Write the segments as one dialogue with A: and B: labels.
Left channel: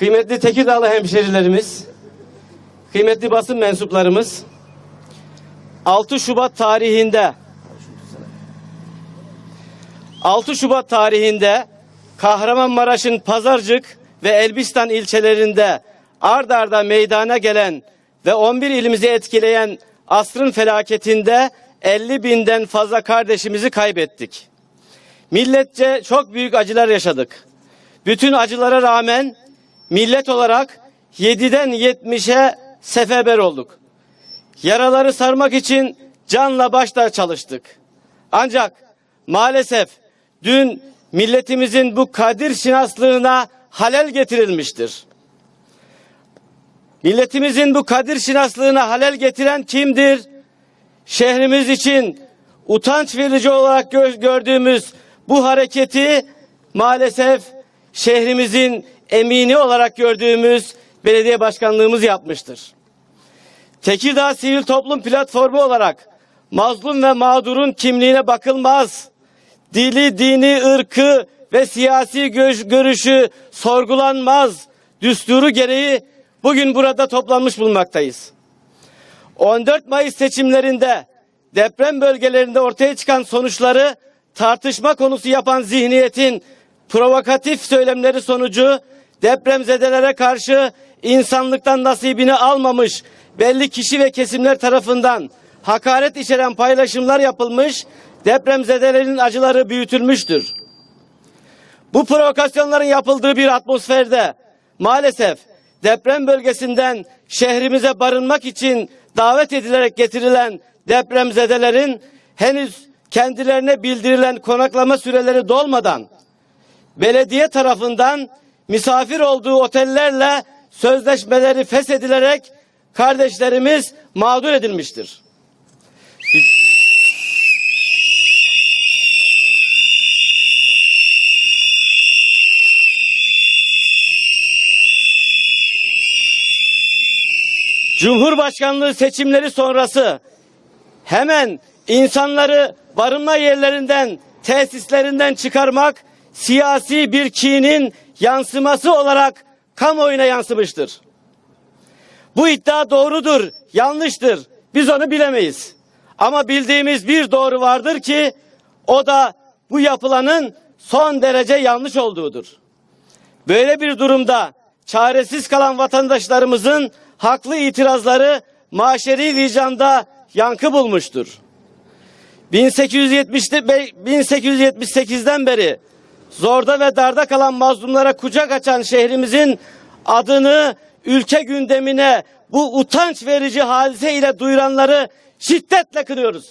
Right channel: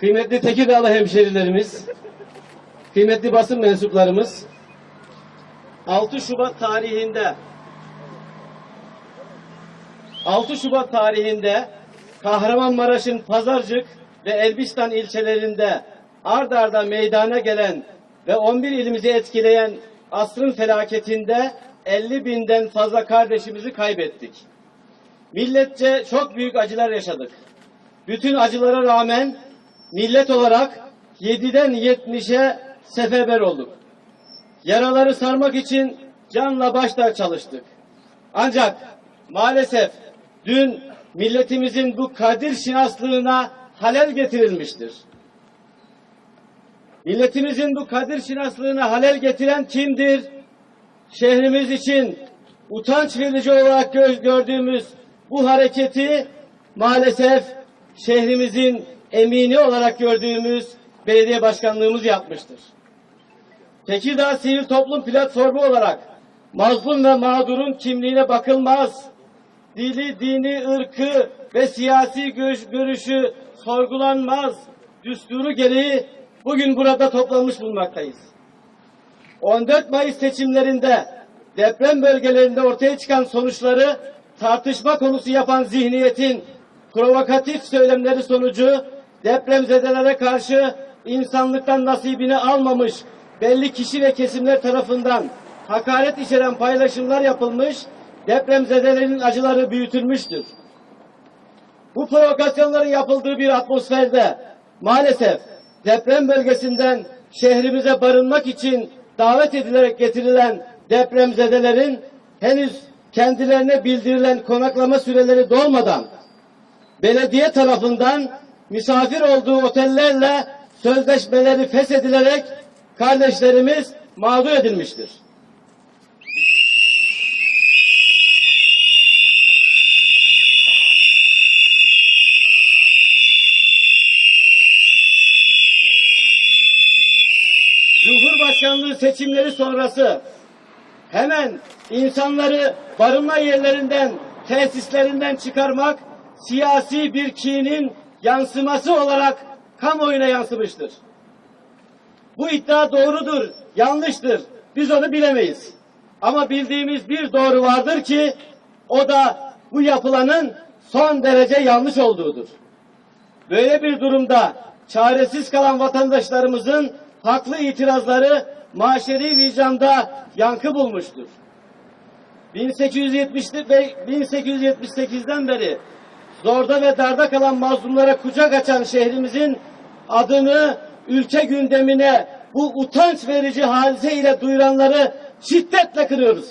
A: kıymetli Tekirdağlı hemşerilerimiz, kıymetli basın mensuplarımız, 6 Şubat tarihinde 6 Şubat tarihinde Kahramanmaraş'ın Pazarcık ve Elbistan ilçelerinde ard arda meydana gelen ve 11 ilimizi etkileyen asrın felaketinde 50 binden fazla kardeşimizi kaybettik. Milletçe çok büyük acılar yaşadık. Bütün acılara rağmen millet olarak 7'den 70'e seferber olduk. Yaraları sarmak için canla başla çalıştık. Ancak maalesef dün milletimizin bu kadir şinaslığına halel getirilmiştir. Milletimizin bu kadir şinaslığına halel getiren kimdir? Şehrimiz için utanç verici olarak gö- gördüğümüz bu hareketi maalesef şehrimizin emini olarak gördüğümüz belediye başkanlığımız yapmıştır. Tekirdağ Sivil Toplum Platformu olarak mazlum ve mağdurun kimliğine bakılmaz. Dili, dini, ırkı ve siyasi gö- görüşü sorgulanmaz. Düsturu gereği bugün burada toplanmış bulunmaktayız. 14 Mayıs seçimlerinde deprem bölgelerinde ortaya çıkan sonuçları tartışma konusu yapan zihniyetin provokatif söylemleri sonucu depremzedelere karşı insanlıktan nasibini almamış belli kişi ve kesimler tarafından hakaret içeren paylaşımlar yapılmış, depremzedelerin acıları büyütülmüştür. Bu provokasyonların yapıldığı bir atmosferde maalesef deprem bölgesinden şehrimize barınmak için davet edilerek getirilen depremzedelerin henüz kendilerine bildirilen konaklama süreleri dolmadan belediye tarafından misafir olduğu otellerle sözleşmeleri feshedilerek kardeşlerimiz mağdur edilmiştir. Cumhurbaşkanlığı seçimleri sonrası hemen insanları barınma yerlerinden, tesislerinden çıkarmak siyasi bir kinin yansıması olarak kamuoyuna yansımıştır. Bu iddia doğrudur, yanlıştır. Biz onu bilemeyiz. Ama bildiğimiz bir doğru vardır ki o da bu yapılanın son derece yanlış olduğudur. Böyle bir durumda çaresiz kalan vatandaşlarımızın haklı itirazları maşeri vicdanda yankı bulmuştur. 1870'te be- 1878'den beri zorda ve darda kalan mazlumlara kucak açan şehrimizin adını ülke gündemine bu utanç verici hadise ile duyuranları şiddetle kırıyoruz.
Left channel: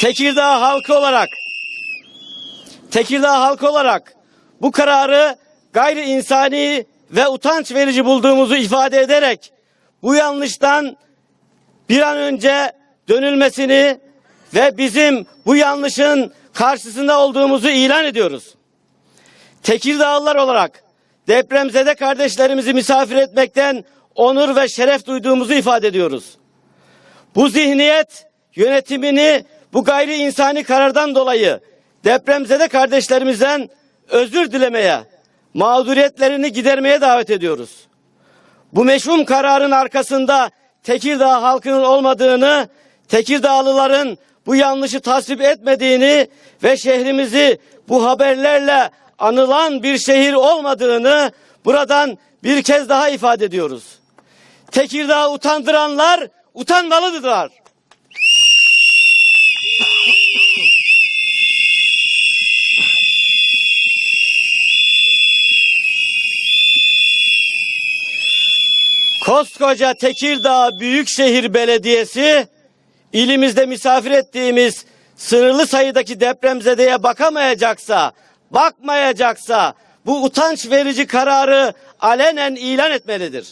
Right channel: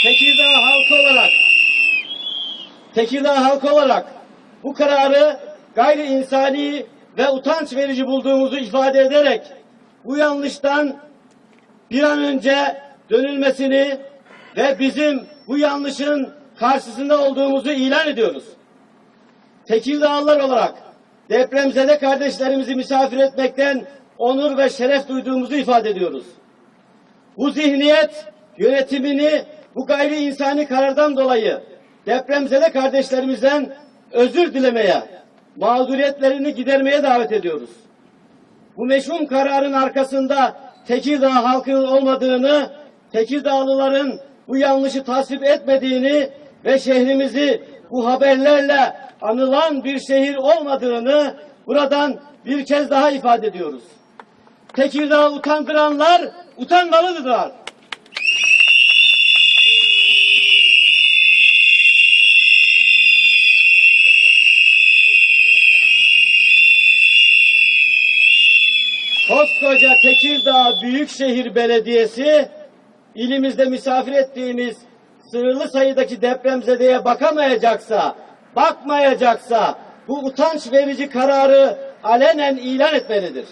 A: Tekirdağ halkı olarak Tekirdağ halkı olarak bu kararı gayri insani ve utanç verici bulduğumuzu ifade ederek bu yanlıştan bir an önce dönülmesini ve bizim bu yanlışın karşısında olduğumuzu ilan ediyoruz. Tekirdağlılar olarak depremzede kardeşlerimizi misafir etmekten onur ve şeref duyduğumuzu ifade ediyoruz. Bu zihniyet yönetimini bu gayri insani karardan dolayı depremzede kardeşlerimizden özür dilemeye, mağduriyetlerini gidermeye davet ediyoruz. Bu meşhum kararın arkasında Tekirdağ halkının olmadığını, Tekirdağlıların bu yanlışı tasvip etmediğini ve şehrimizi bu haberlerle anılan bir şehir olmadığını buradan bir kez daha ifade ediyoruz. Tekirdağ utandıranlar utanmalıdırlar. Koskoca Tekirdağ Büyükşehir Belediyesi ilimizde misafir ettiğimiz sınırlı sayıdaki depremzedeye bakamayacaksa, bakmayacaksa bu utanç verici kararı alenen ilan etmelidir.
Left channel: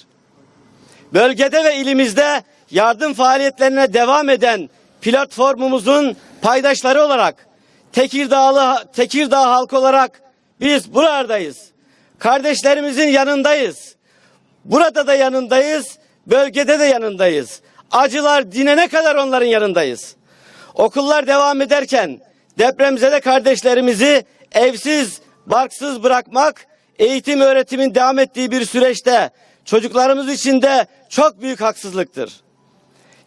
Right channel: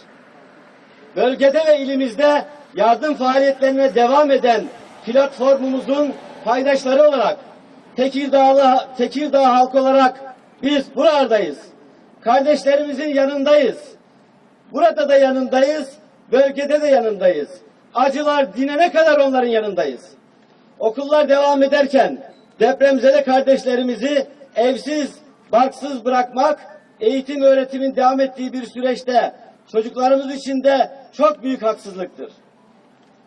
A: Bölgede ve ilimizde yardım faaliyetlerine devam eden platformumuzun paydaşları olarak Tekirdağlı Tekirdağ halkı olarak biz buradayız. Kardeşlerimizin yanındayız. Burada da yanındayız. Bölgede de yanındayız. Acılar dinene kadar onların yanındayız. Okullar devam ederken depremzede kardeşlerimizi evsiz, barksız bırakmak eğitim öğretimin devam ettiği bir süreçte çocuklarımız için de çok büyük haksızlıktır.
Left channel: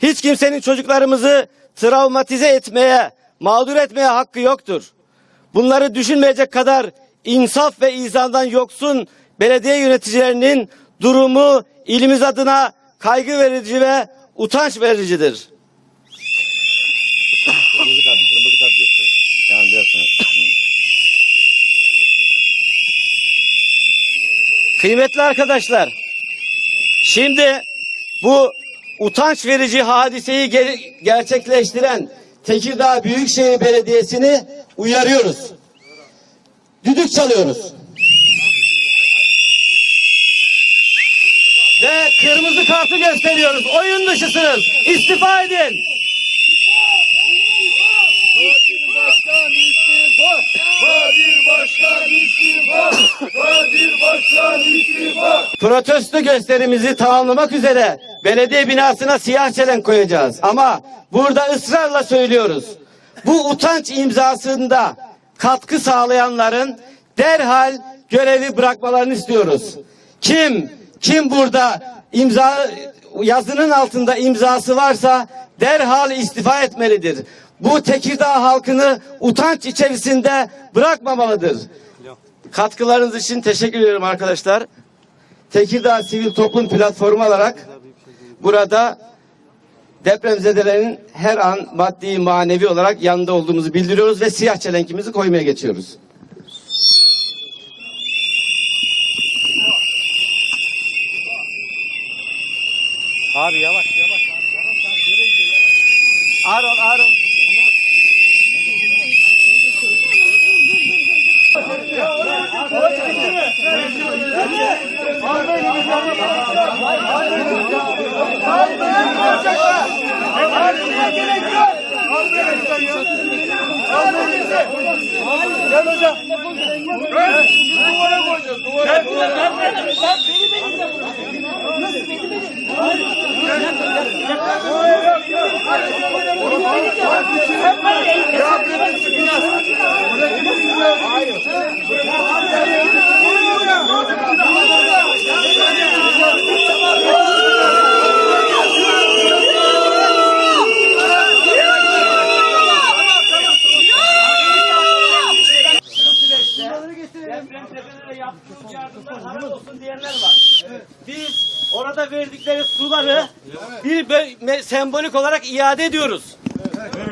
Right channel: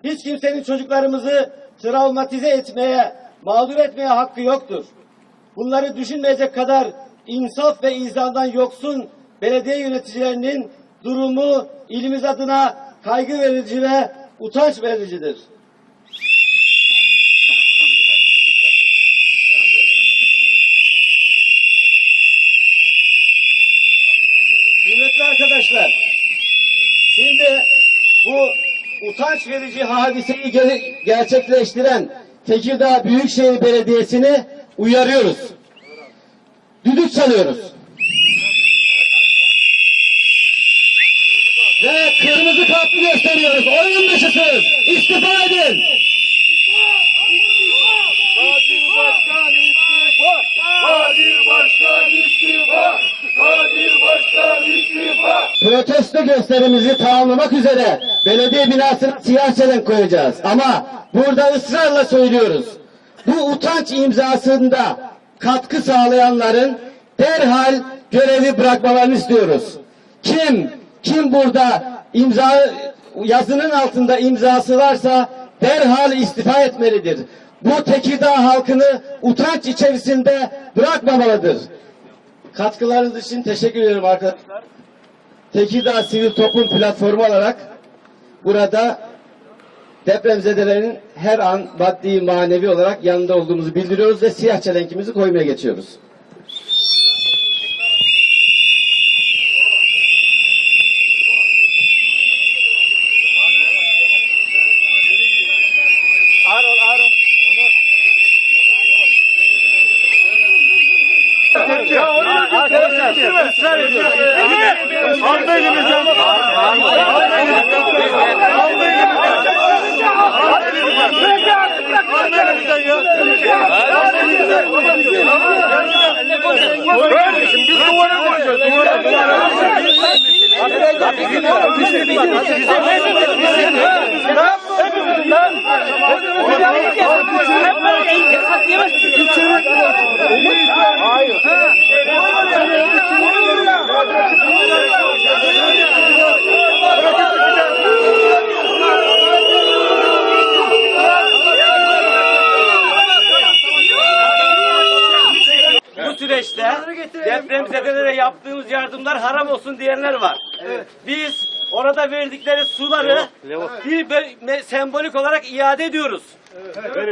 A: Hiç kimsenin çocuklarımızı travmatize etmeye, mağdur etmeye hakkı yoktur. Bunları düşünmeyecek kadar insaf ve izahdan yoksun belediye yöneticilerinin durumu ilimiz adına kaygı verici ve utanç vericidir. Kıymetli arkadaşlar, şimdi bu utanç verici hadiseyi ge- gerçekleştiren Tekirdağ Büyükşehir Belediyesi'ni uyarıyoruz. Düdük çalıyoruz. Kırmızı kartı gösteriyoruz. Oyun dışısınız. İstifa edin.
B: Kadir Başkan istifa! Kadir Başkan istifa! Kadir Başkan istifa!
A: Protesto gösterimizi tamamlamak üzere belediye binasına siyah çelenk koyacağız. Ama burada ısrarla söylüyoruz. Bu utanç imzasında katkı sağlayanların derhal görevi bırakmalarını istiyoruz. Kim kim burada imza yazının altında imzası varsa derhal istifa etmelidir. Bu Tekirdağ halkını utanç içerisinde bırakmamalıdır. Katkılarınız için teşekkür ediyorum arkadaşlar. Tekirdağ Sivil Toplum Platformu olarak burada depremzedelerin her an maddi manevi olarak yanında olduğumuzu bildiriyoruz ve siyah çelenkimizi koymaya geçiyoruz.
B: Şimdi biz duvara koyacağız. Duvara.
A: Bu süreçte depremzedelere yaptığımız yardımlar haram olsun diyenler var. Biz orada verdikleri suları bir sembolik olarak iade ediyoruz.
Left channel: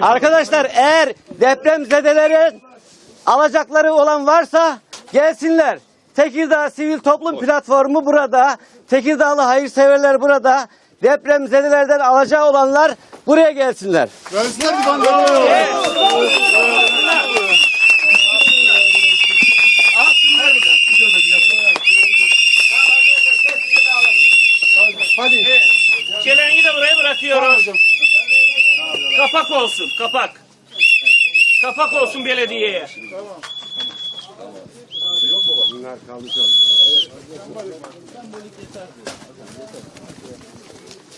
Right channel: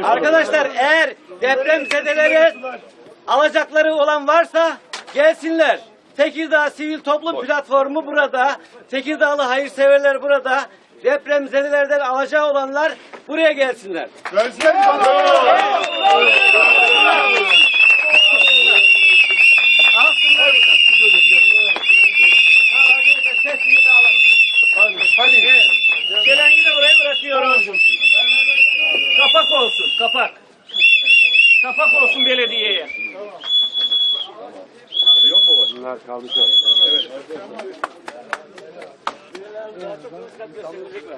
A: Arkadaşlar eğer depremzedelere alacakları olan varsa gelsinler. Tekirdağ Sivil Toplum Platformu burada. Tekirdağlı hayırseverler burada. Depremzedelerden alacağı olanlar buraya gelsinler.
B: Gelsinler mi
C: bırakıyorum. Kapak olsun kapak. Kapak olsun belediyeye.